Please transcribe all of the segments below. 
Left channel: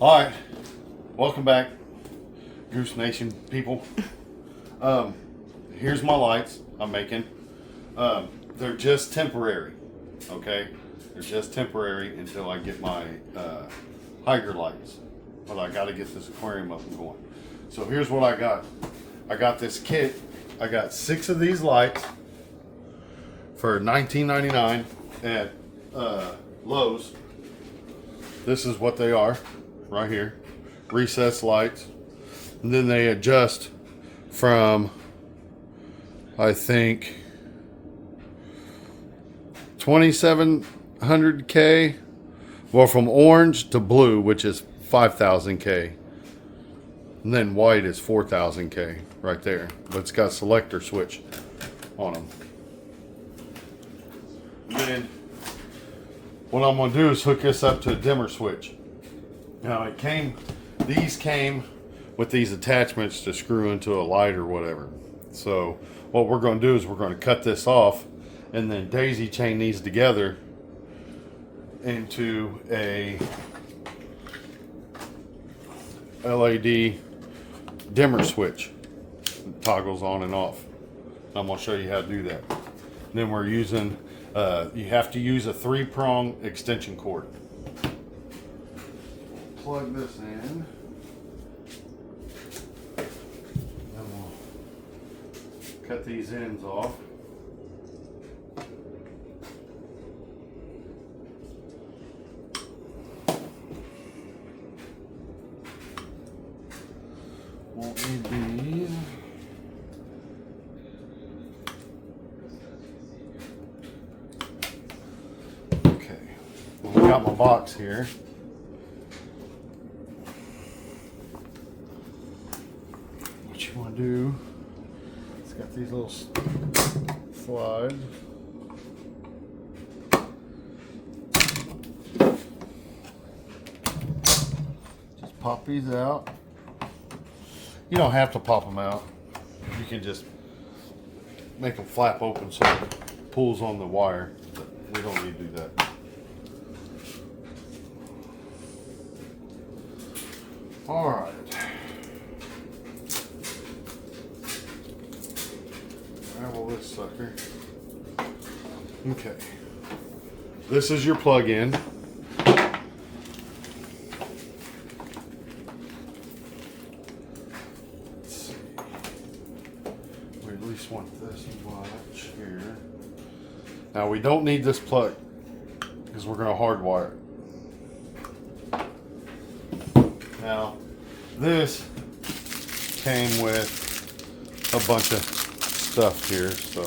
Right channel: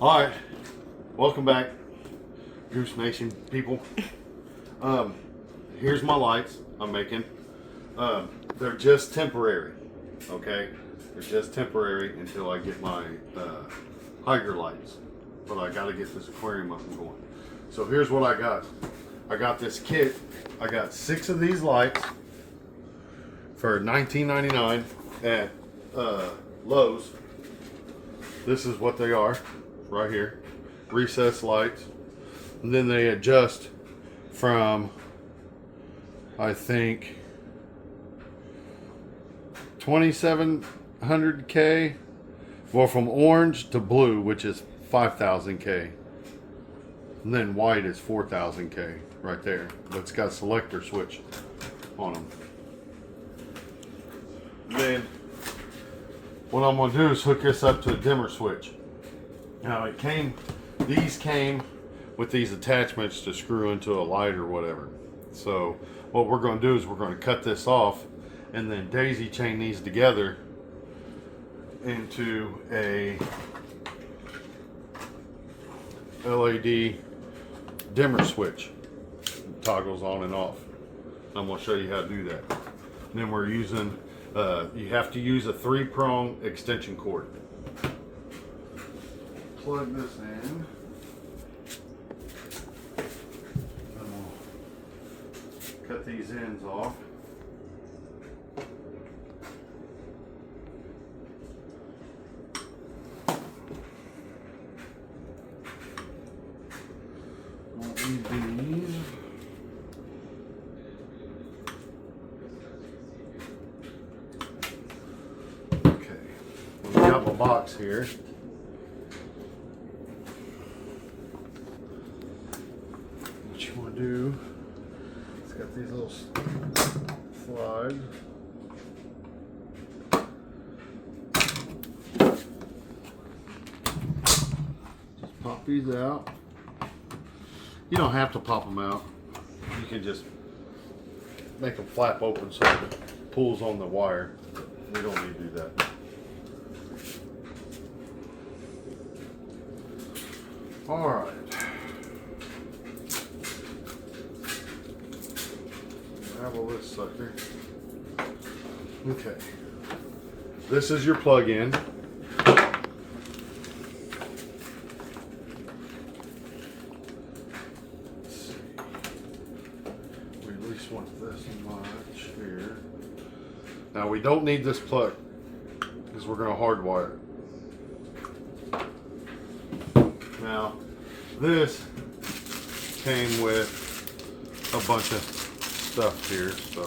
All right, welcome back, Goose Nation people. Here's my lights I'm making. They're just temporary, okay? They're just temporary until I get my higher lights. But I got to get this aquarium up and going. So here's what I got. I got this kit. I got 6 of these lights for $19.99 at Lowe's. This is what they are right here. Recessed lights. And then they adjust from, I think, 2700K, well, from orange to blue, which is 5000K, and then white is 4000K right there, but it's got selector switch on them. And then what I'm gonna do is hook this up to a dimmer switch. Now these came with these attachments to screw into a light or whatever. So what we're gonna do is we're gonna cut this off and then daisy chain these together into a LED dimmer switch. It toggles on and off. I'm going to show you how to do that. And then we're using, you have to use a 3-prong extension cord. Plug this in. Then we'll cut these ends off. Okay, we got my box here. What you want to do? It's got these little slides. Just pop these out. You don't have to pop them out. You can just make them flap open so it pulls on the wire. We don't need to do that. All right. Grab this sucker. Okay. This is your plug-in. Want this much here. Now we don't need this plug because we're going to hardwire it. Now this came with a bunch of stuff here, so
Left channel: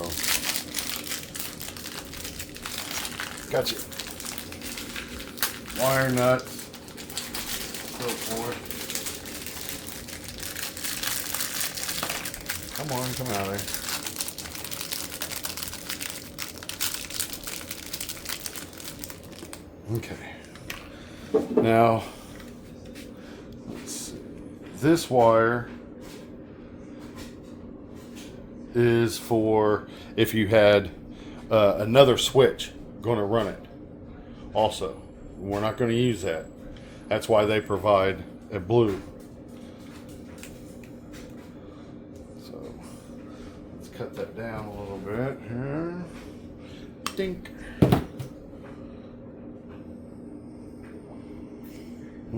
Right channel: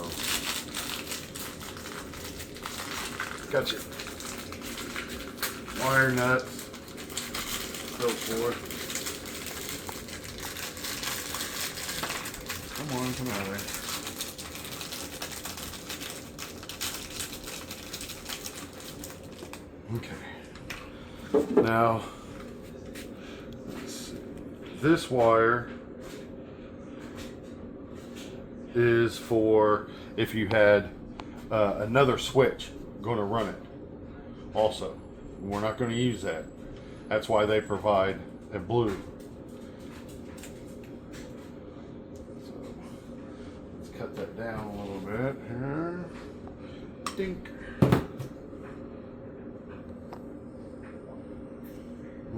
got your wire nuts, so forth. Come on, come out of there. Okay. Now, this wire is for if you had another switch going to run it. Also, we're not going to use that. That's why they provide a blue. So, let's cut that down a little bit here. Dink.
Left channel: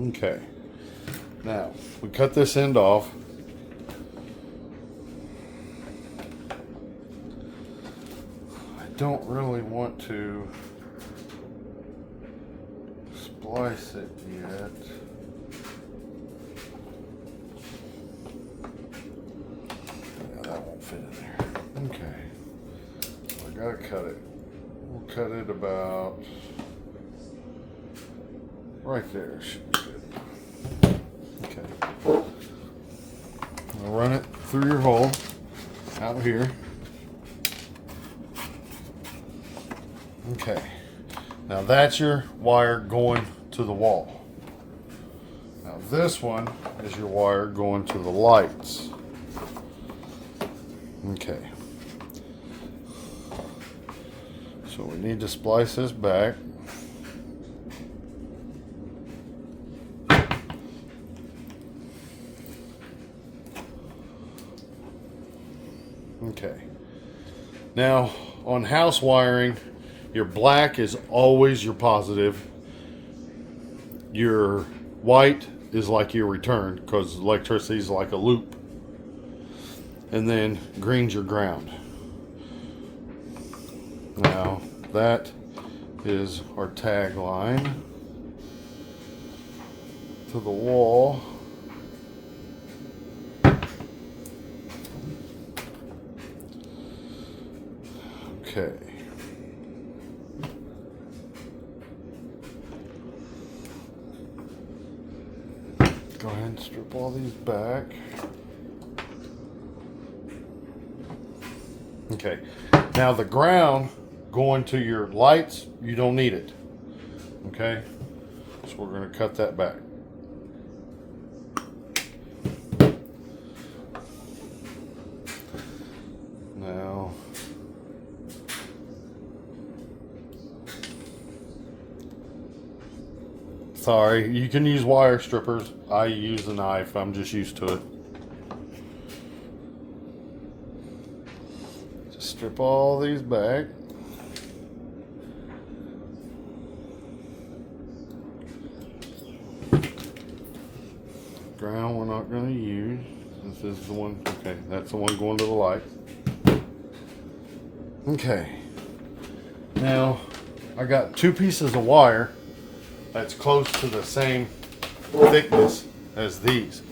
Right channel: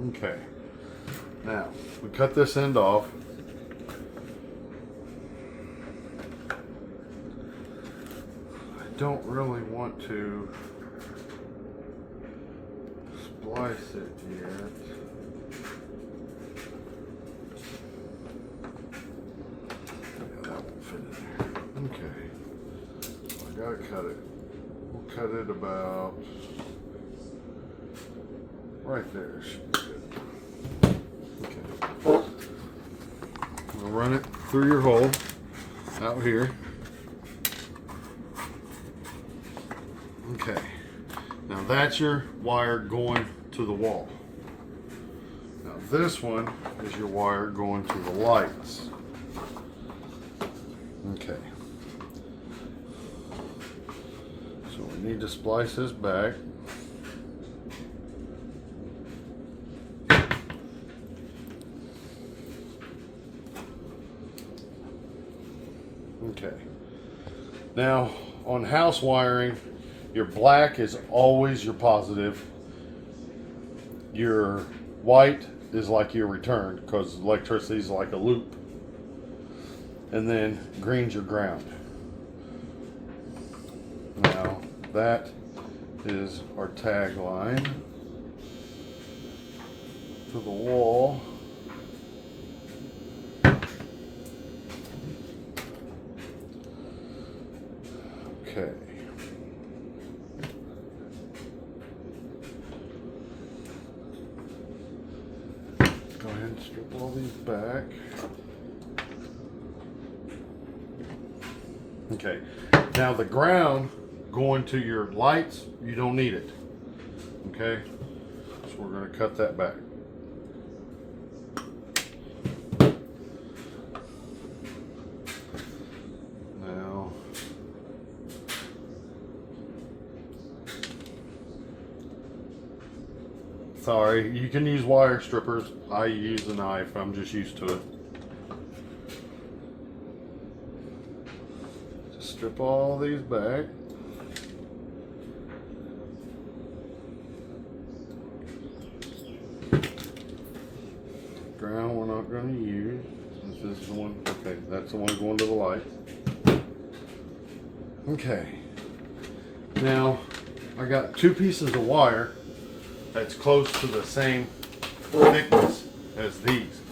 Okay, now we cut this end off. I don't really want to splice it yet. Yeah, that won't fit in there. Okay, I gotta cut it. We'll cut it about right there. Okay. Run it through your hole out here. Okay. Now that's your wire going to the wall. Now this one is your wire going to the lights. Okay. So we need to splice this back. Okay. Now, on house wiring, your black is always your positive. Your white is like your return, because electricity is like a loop. And then green's your ground. Now, that is our tagline to the wall. Okay. Go ahead and strip all these back. Okay. Now the ground going to your lights, you don't need it. Okay. So we're going to cut that back. Now, sorry, you can use wire strippers. I use a knife. I'm just used to it. Just strip all these back. Ground we're not going to use. This is the one. Okay, that's the one going to the light. Okay. Now, I got two pieces of wire that's close to the same thickness as these.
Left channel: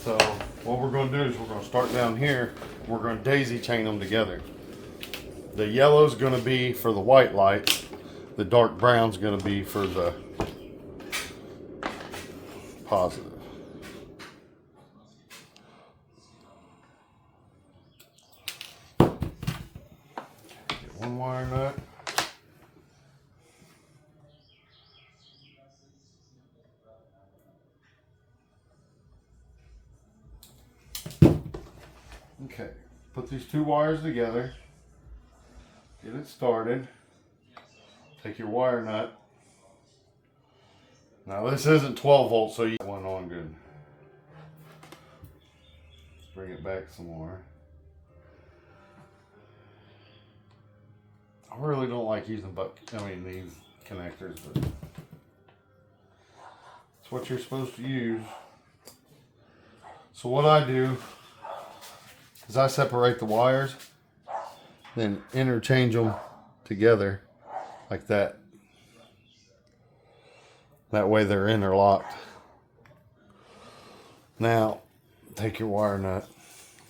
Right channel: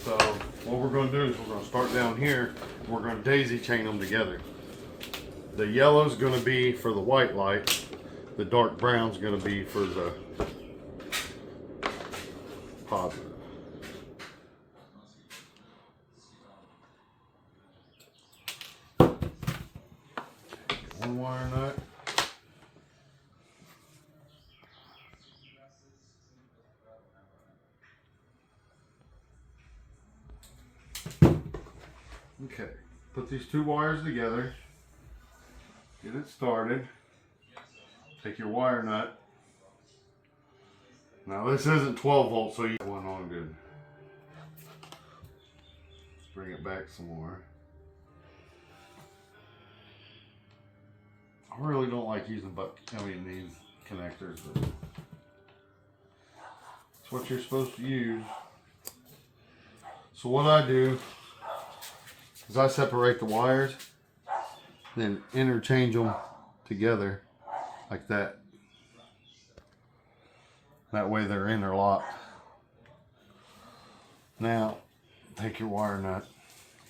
So what we're going to do is we're going to start down here. We're going to daisy chain them together. The yellow is going to be for the white light. The dark brown is going to be for the positive. One wire nut. Okay, put these two wires together, get it started, take your wire nut. Now this isn't 12 volts, so you get one on good. Let's bring it back some more. I really don't like using these connectors, but it's what you're supposed to use. So what I do is I separate the wires, then interchange them together like that. That way they're interlocked. Now, take your wire nut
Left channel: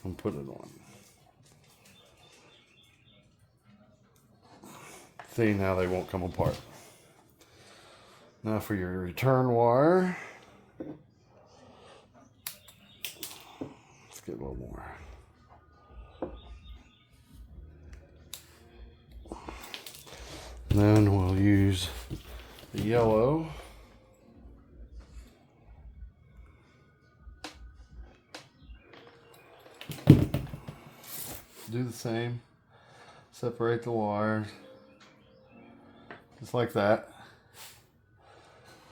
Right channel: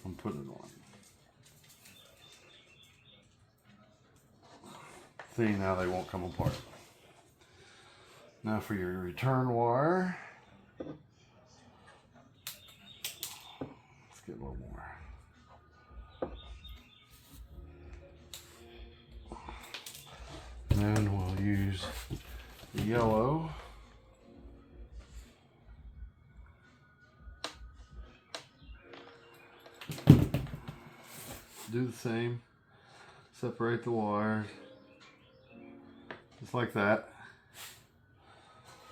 and put it on. See, now they won't come apart. Now for your return wire. Let's get a little more. Then we'll use the yellow. Do the same. Separate the wires. Just like that.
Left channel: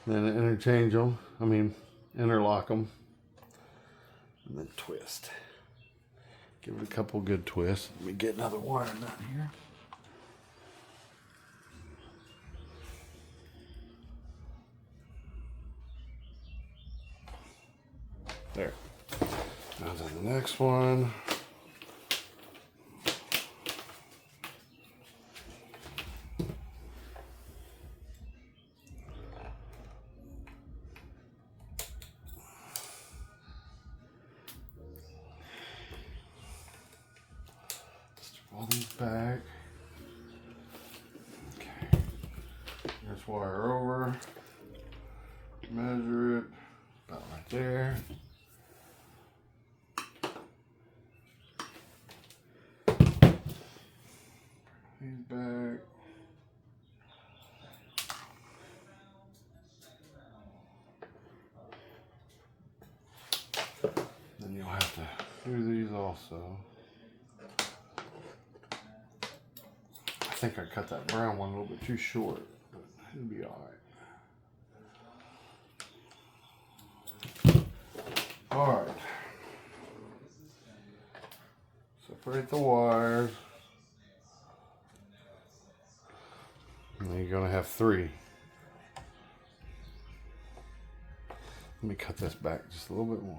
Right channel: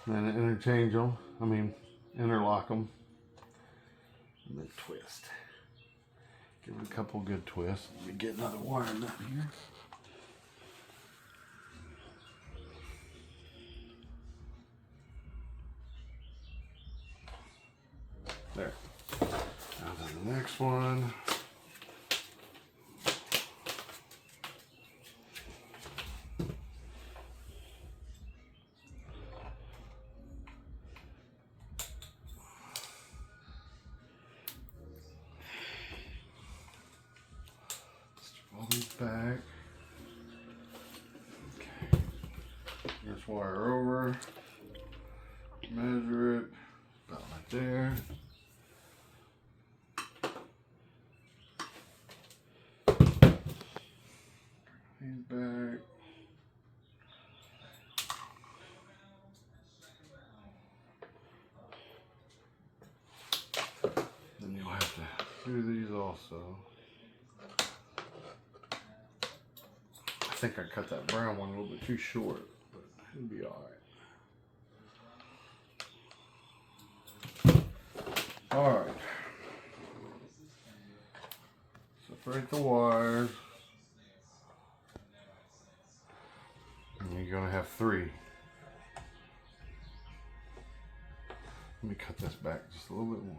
Then interchange them. Interlock them. And then twist. Give it a couple good twists. Let me get another wire nut here. There. Now to the next one. All these back. Okay. This wire over. Measure it. About right there. These back. Then you'll have to do these also. I think I cut that brown one a little bit too short, but it'll be all right. All right. So Separate the wires. And you're going to have 3. Let me cut this back just a little bit more.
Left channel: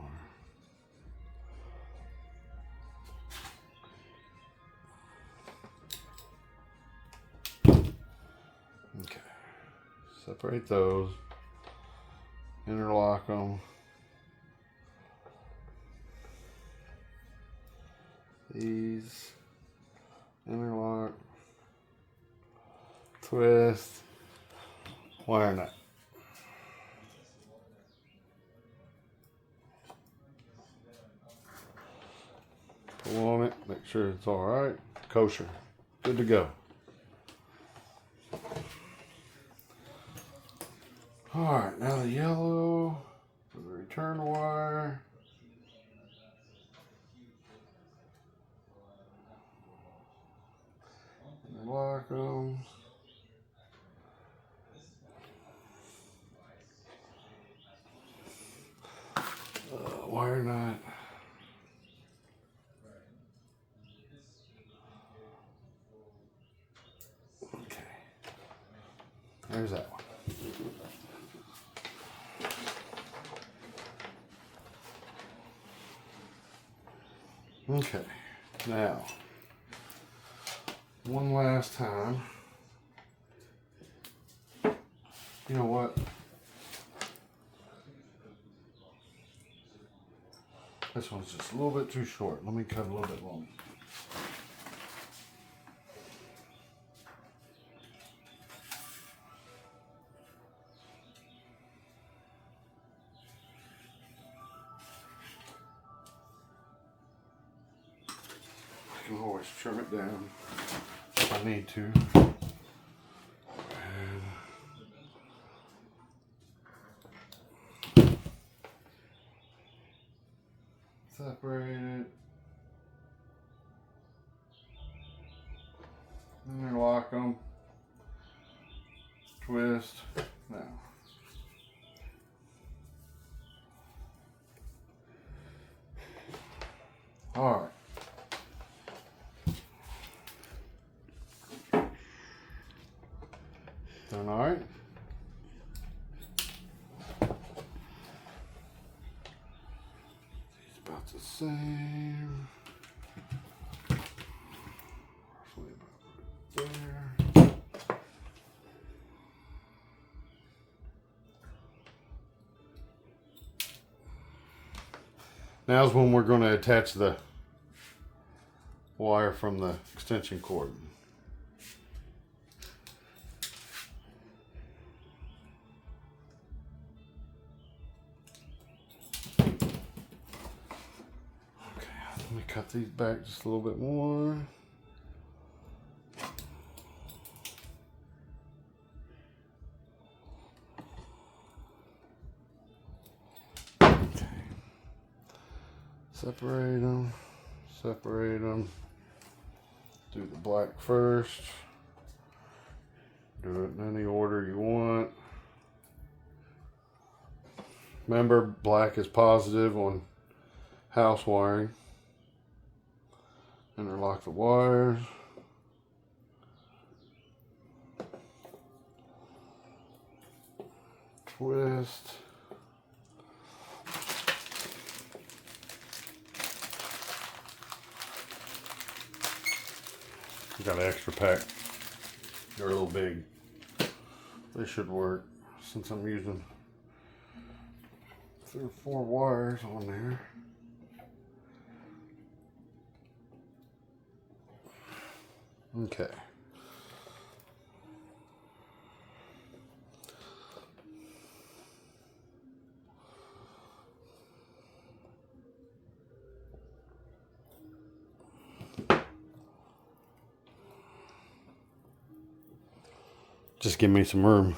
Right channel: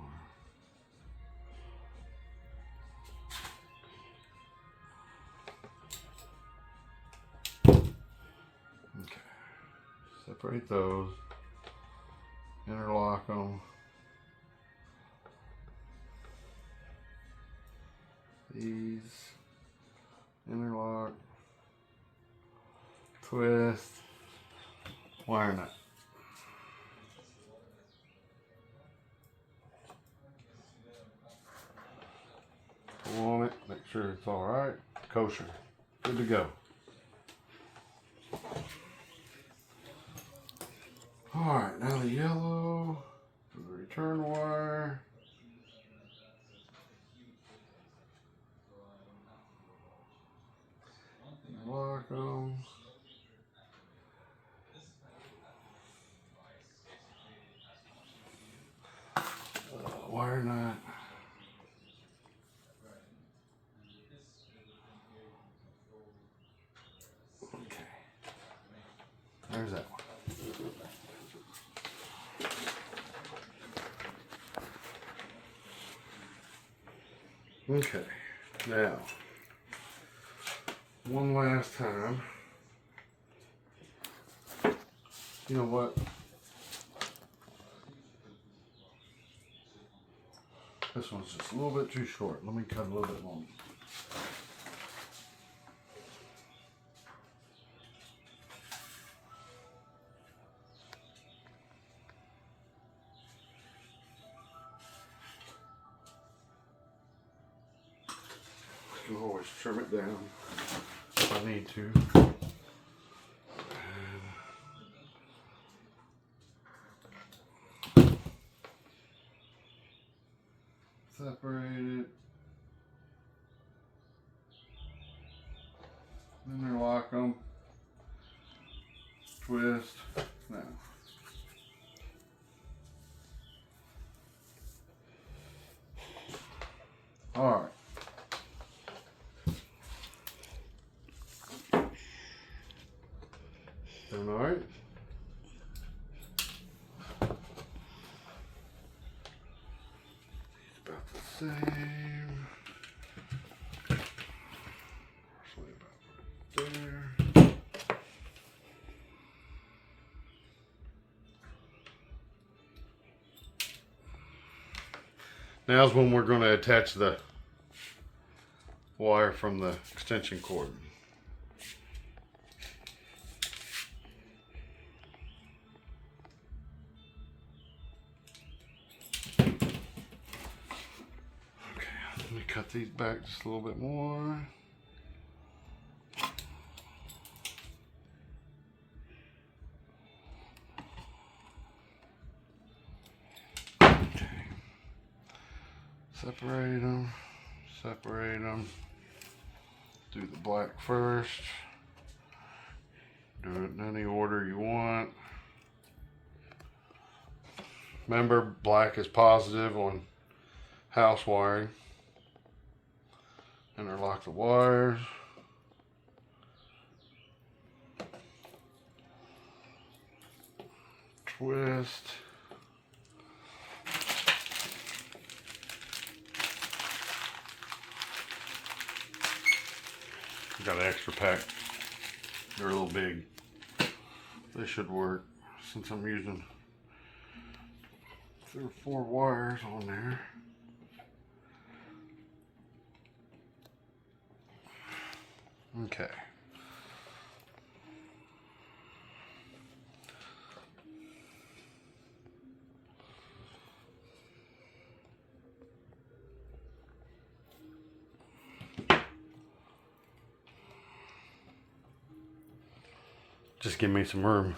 Okay. Separate those. Interlock them. These. Interlock. Twist. Wire nut. Pull on it, make sure it's all right. Kosher. Good to go. All right, now the yellow for the return wire. Lock them. Wire nut. Okay. There's that one. Okay. Now, one last time. You know what? This one's just a little bit too short. Let me cut a little bit longer. I can always trim it down if I need to. Separate it. Interlock them. Twist. Now. All right. Done all right. It's about the same. Roughly about there. Now's when we're going to attach the wire from the extension cord. Let me cut these back just a little bit more. Okay. Separate them. Separate them. Do the black first. Do it in any order you want. Remember, black is positive on house wiring. Interlock the wires. Twist. Got an extra pack. They're a little big. They should work since I'm using 3 or 4 wires on there. Okay. Just give me some room.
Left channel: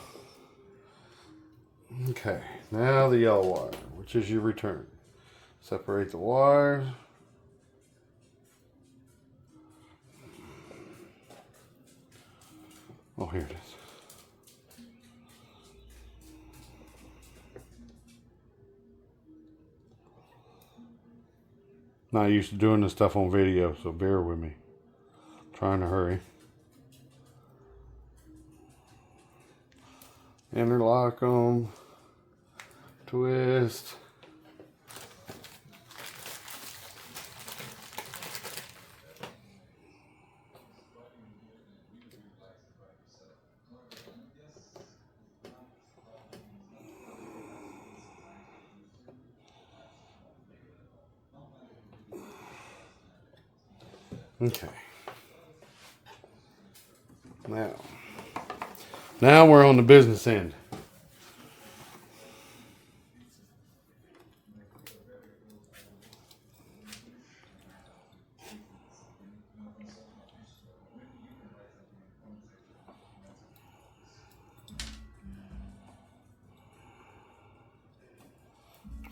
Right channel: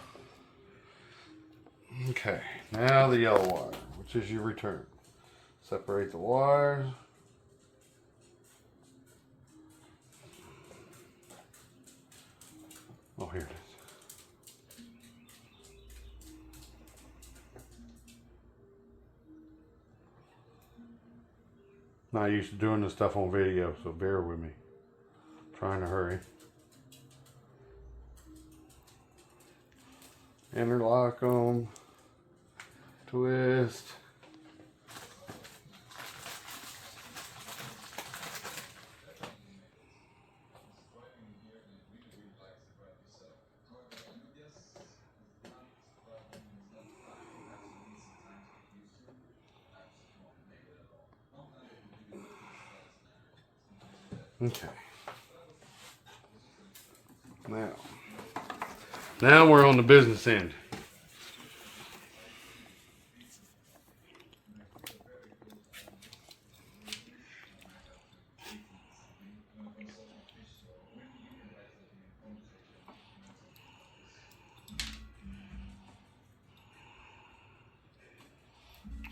Okay, now the yellow wire, which is your return. Separate the wires. Oh, here it is. Not used to doing this stuff on video, so bear with me. Trying to hurry. Interlock them. Twist. Okay. Now we're on the business end.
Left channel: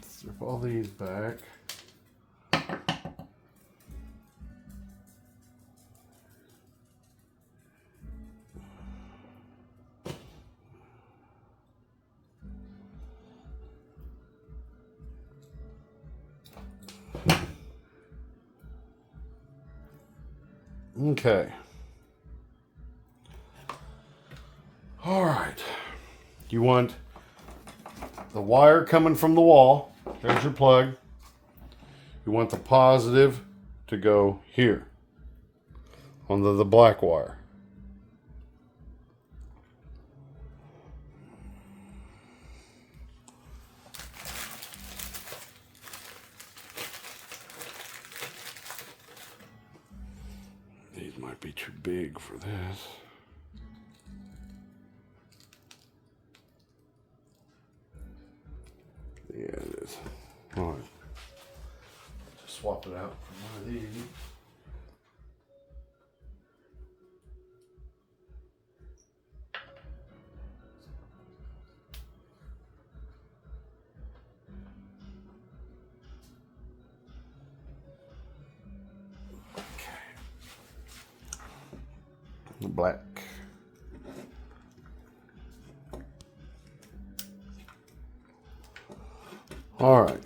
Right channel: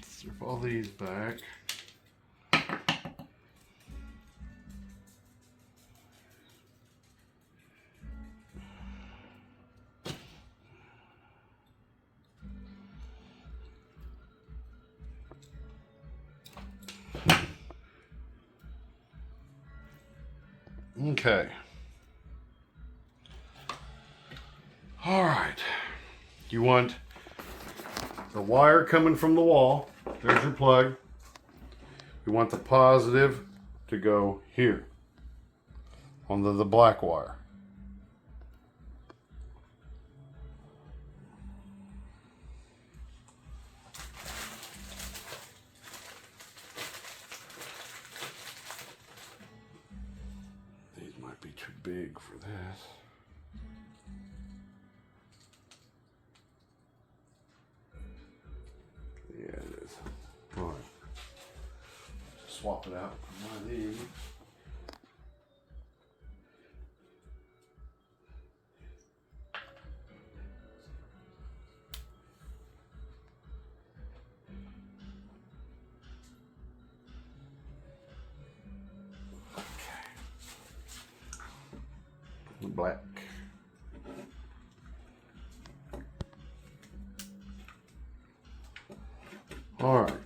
Strip all these back. Okay. All right. You want the wire coming from the wall. There's your plug. You want the positive to go here on the black wire. These might be too big for this. Yeah, it is. All right. Swap it out from my end. Black. All right.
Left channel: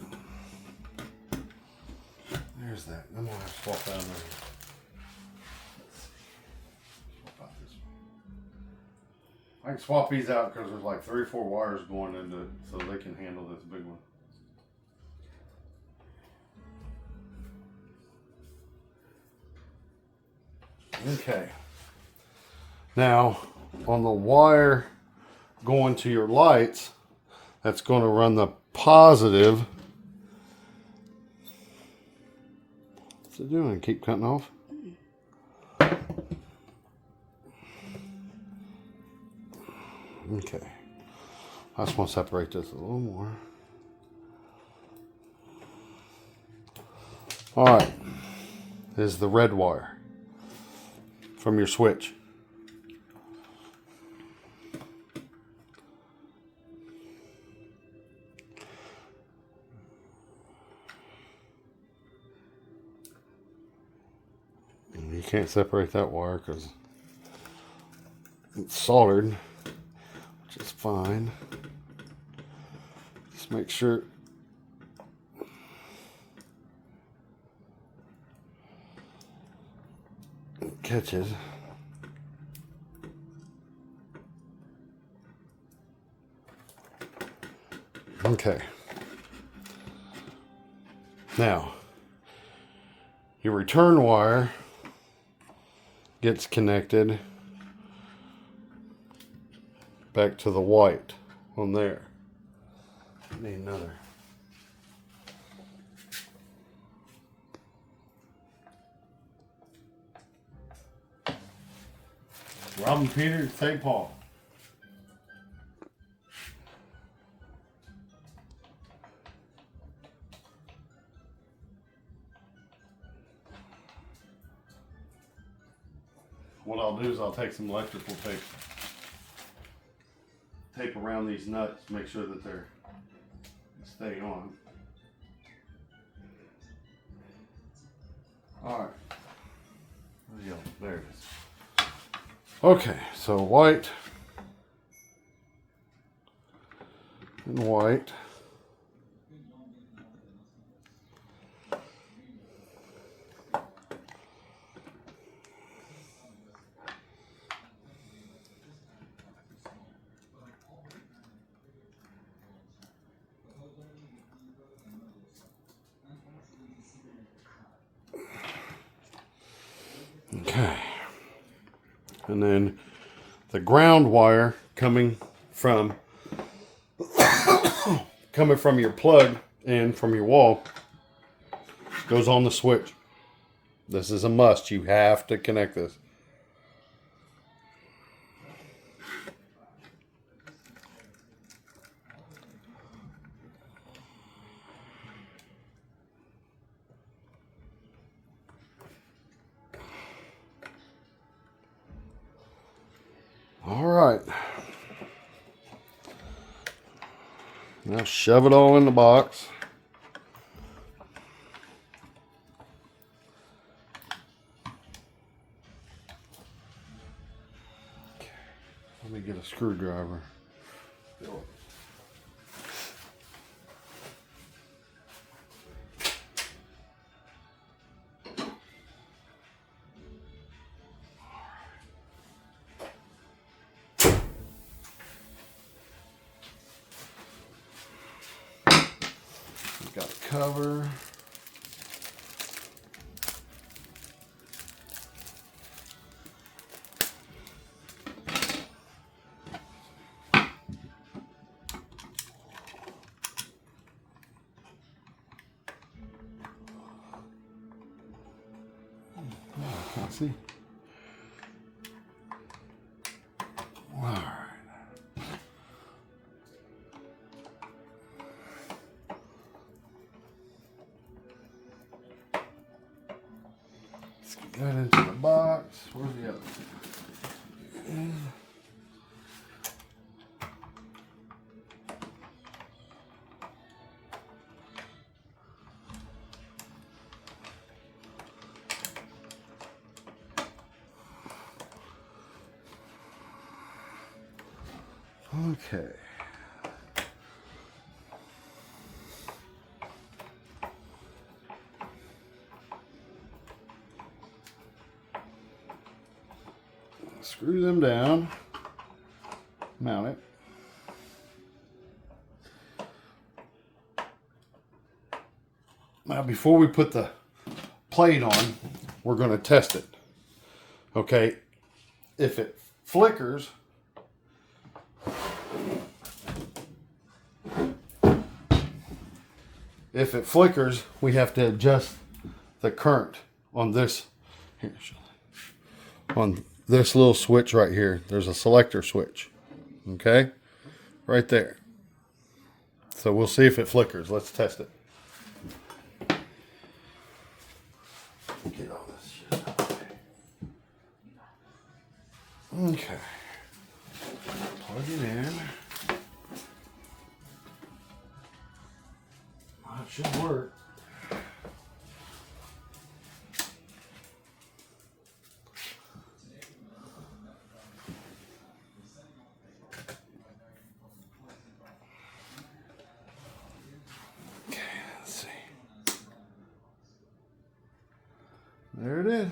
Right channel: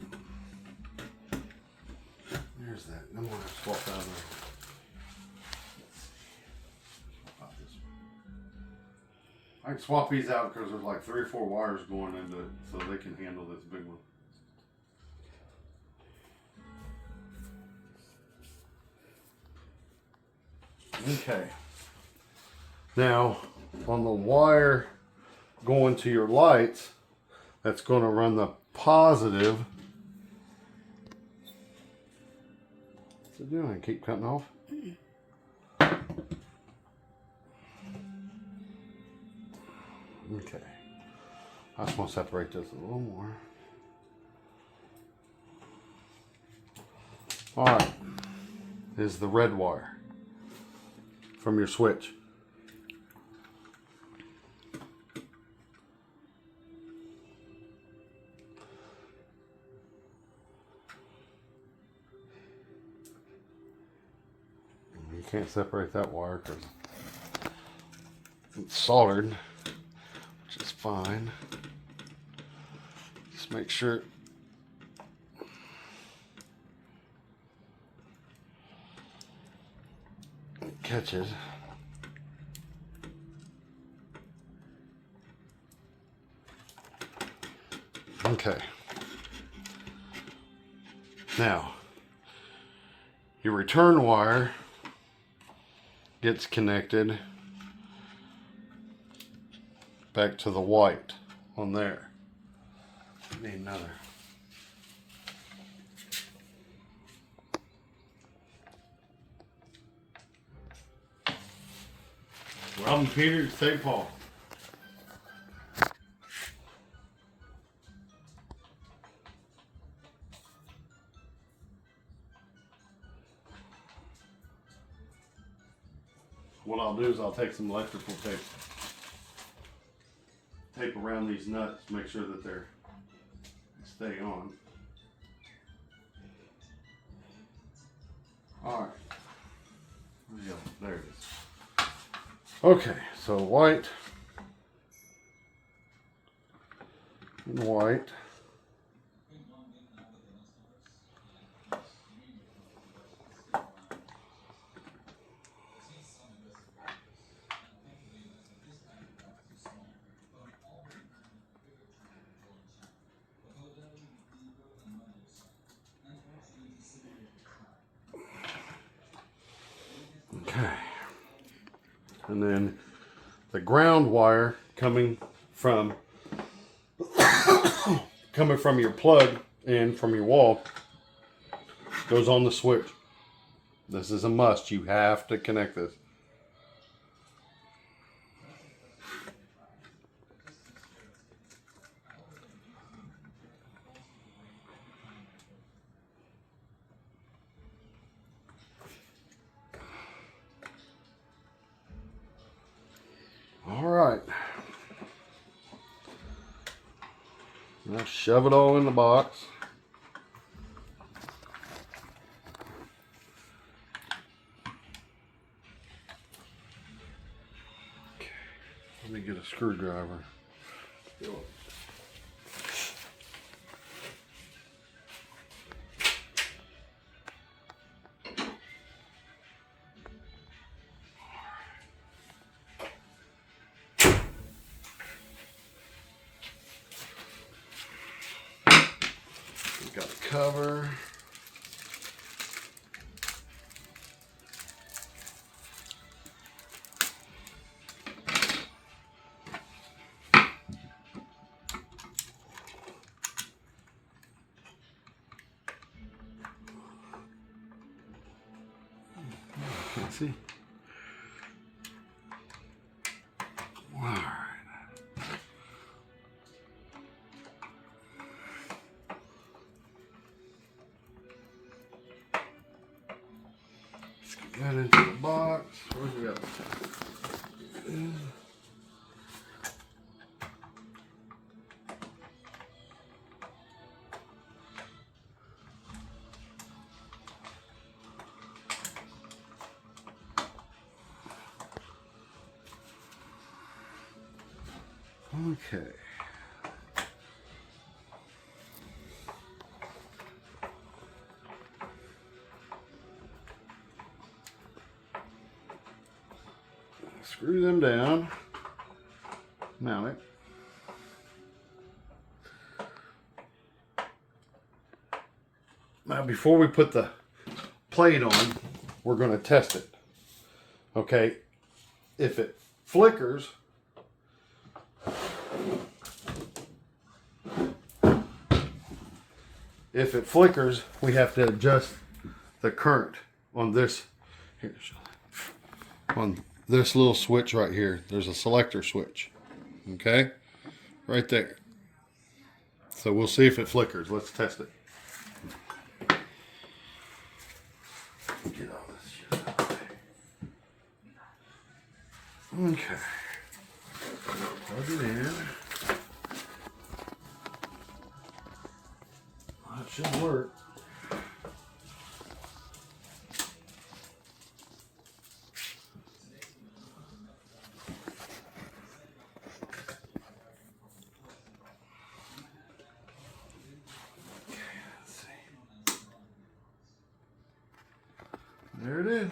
There's that. I'm gonna have to swap out of there. Swap out this one. I can swap these out because there's like 3 or 4 wires going into it, so they can handle this big one. Okay. Now, on the wire going to your lights, that's going to run the positive. What's it doing? Keep cutting off? Okay. I just want to separate this a little more. All right. This is the red wire from your switch. You can't separate that wire because it's soldered, which is fine. Just make sure it catches. Okay. Now, your return wire gets connected back to the white on there. Need another. Robin Peters, St. Paul. What I'll do is I'll take some electrical tape around these nuts, make sure that they stay on. All right. Yeah, there it is. Okay, so white and white. Okay. And then the ground wire coming from your plug and from your wall goes on the switch. This is a must. You have to connect this. All right. Now shove it all in the box. Okay. Let me get a screwdriver. Got a cover. Can't see. All right. Let's get that into the box. Where's the other? Okay. Screw them down. Mount it. Now, before we put the plate on, we're going to test it. Okay. If it flickers, we have to adjust the current on this. Here, on this little switch right here. There's a selector switch. Okay? Right there. So we'll see if it flickers. Let's test it. Get all this shit out of the way. Okay. Plug it in. That should work. Okay, let's see. There it is.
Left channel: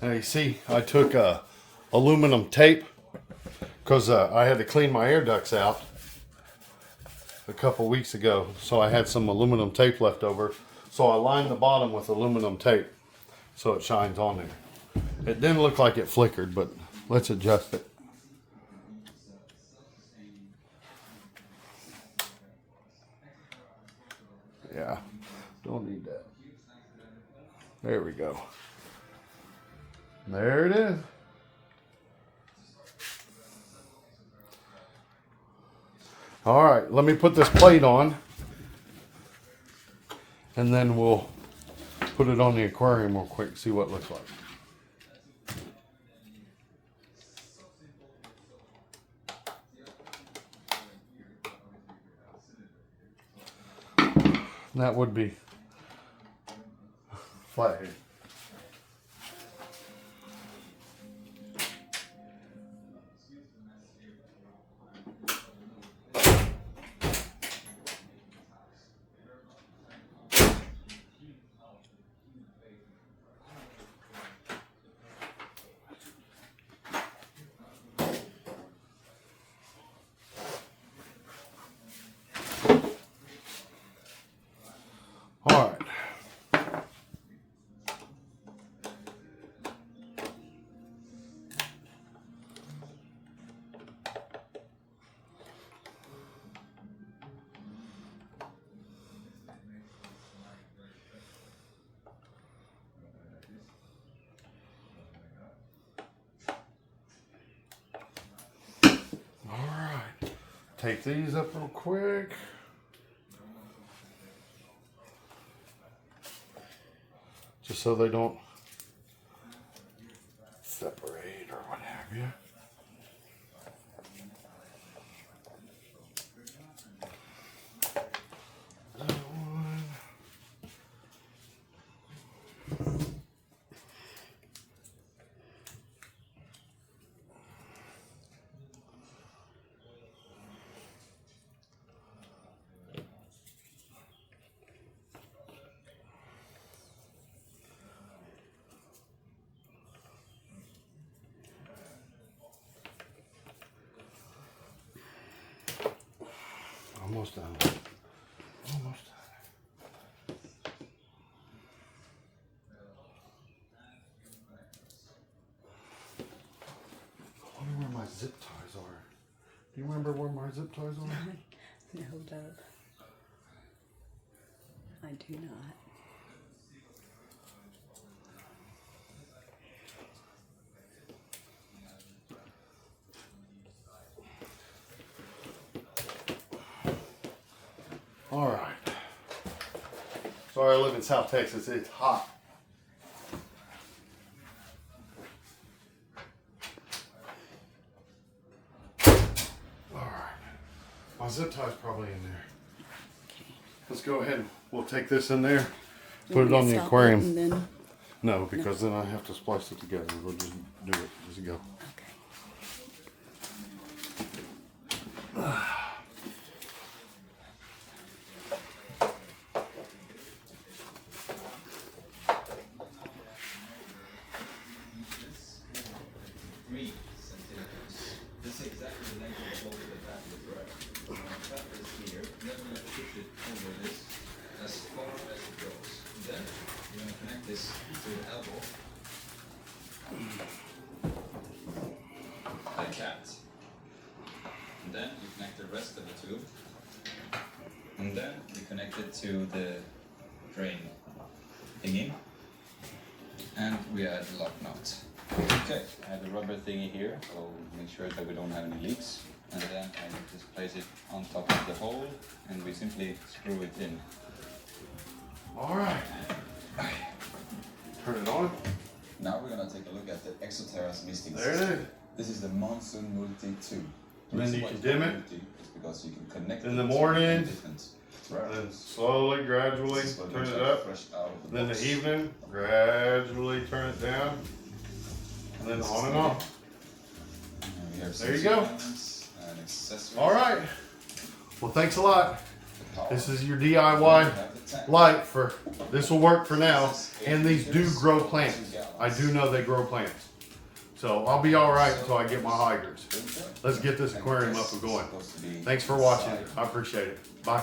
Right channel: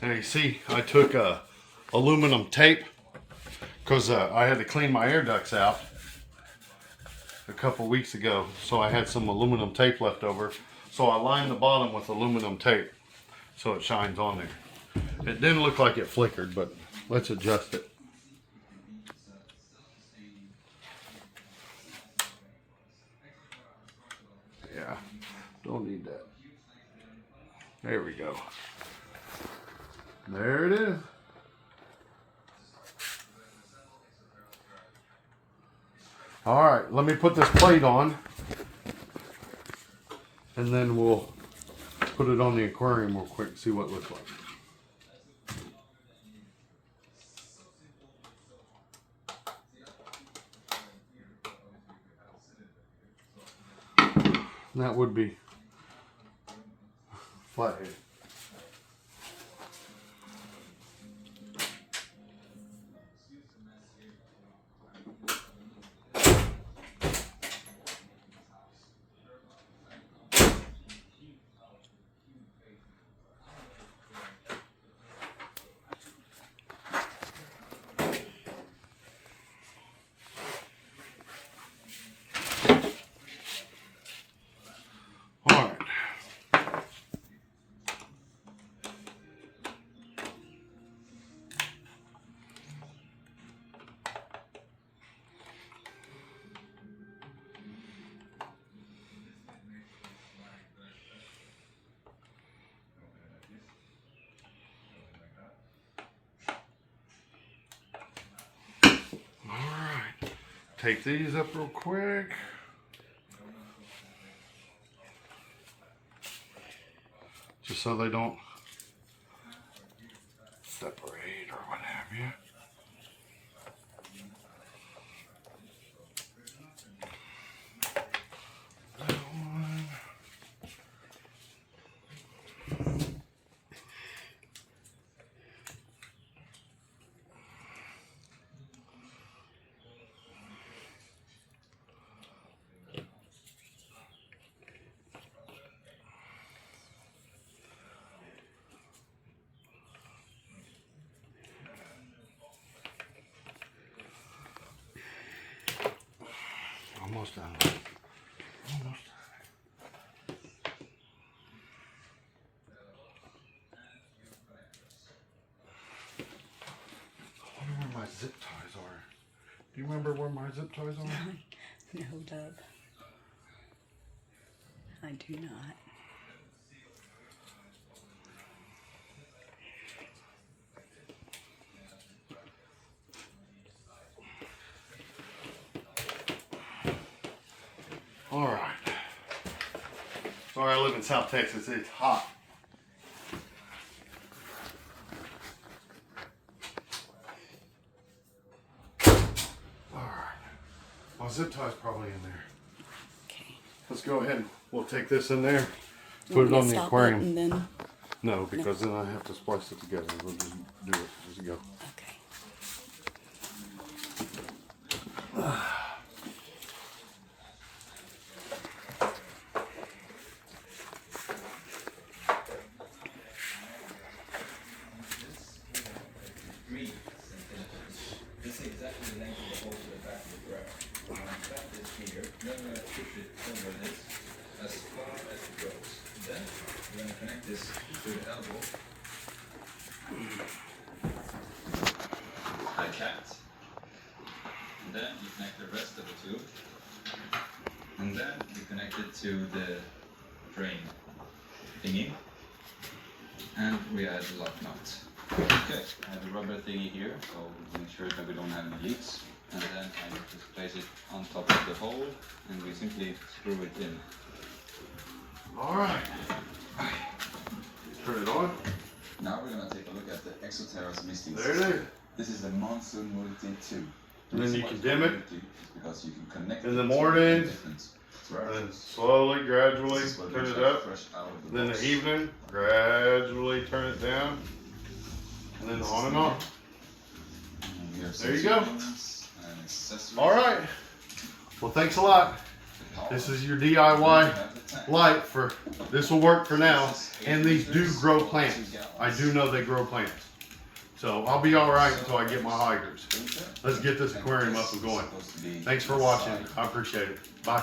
Now you see, I took aluminum tape because I had to clean my air ducts out a couple weeks ago. So I had some aluminum tape left over. So I lined the bottom with aluminum tape so it shines on there. It didn't look like it flickered, but let's adjust it. Yeah, don't need that. There we go. There it is. All right, let me put this plate on and then we'll put it on the aquarium real quick and see what it looks like. That would be flathead. tape these up real quick. Just so they don't separate or what have you. That one. Almost done. Almost done. I wonder where my zip ties are. Do you remember where my zip ties are? No, Dub. I do not. All right. Sorry, I live in South Texas. It's hot. All right. My zip tie's probably in there. Okay. Let's go ahead and we'll take this in there. You Put want it me on to the stop aquarium. it and then, No, because then I have to splice it together. We'll just do it. Just go. okay. This is exactly the length of the hole to the back of the drag. I'm going to cut this here, then I'm going to push it over this as far as it goes. Then we're going to connect this to the elbow. Like that. And then you connect the rest of the tube. And then you connect it to the drain thingy. And we add the lock nut. Okay, I have a rubber thingy here, so make sure that we don't have any leaks. And then I just place it on top of the hole, and we simply screw it in. All right. Turn it on. Now we're gonna take a look at the Exoterra's misting There it system. is. This is the Monsoon Multi 2. And then you can dim it. Because you can connect In the it to morning, different And then slowly, gradually This is what turn we it get up. fresh out of the Then in box. the evening, gradually turn it down. And then on and on. And we have There you some go. components and accessories. All right. Well, thanks a lot. The power. This is your We DIY have the tank. light for, this will work for now. And these do grow plants. I do know they grow plants. So I'll be all right until I get my hydrants. Let's get this aquarium up and going. Thanks for watching. I appreciate it. Bye.